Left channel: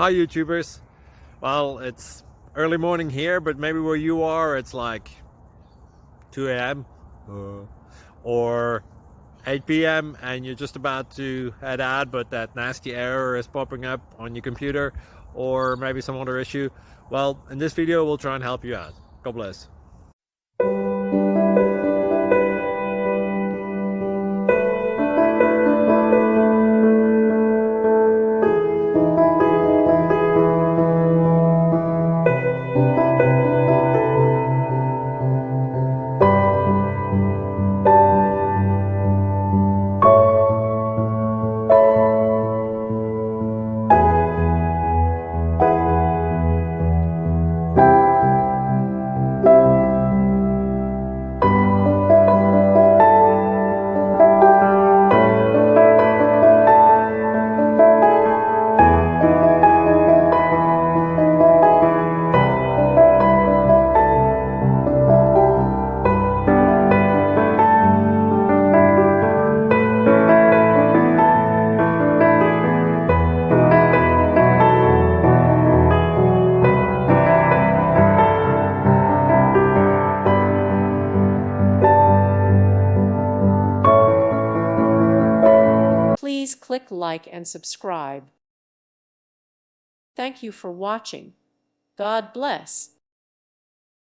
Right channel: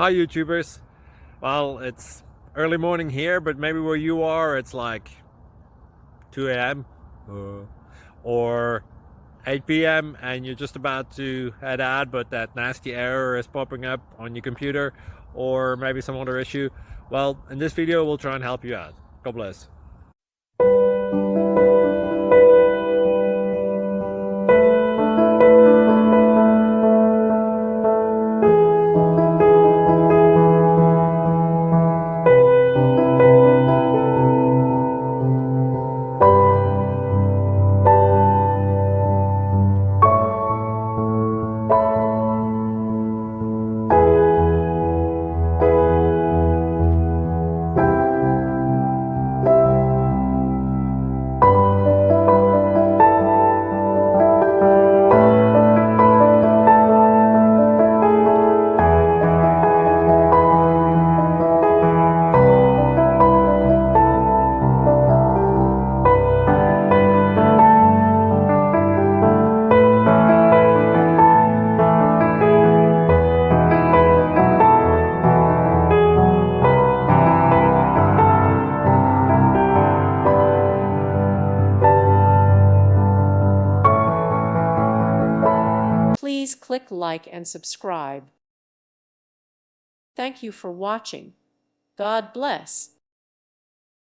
Hi YouTubers. Well, it's early morning here, but maybe where you are it's like 2 a.m. Or 8 p.m. and you're just about to head out, but that nasty error is popping up on your computer, or maybe some other issue. Well, in this video we'll try and help you out. God bless. Please click like and subscribe. Thank you for watching. God bless.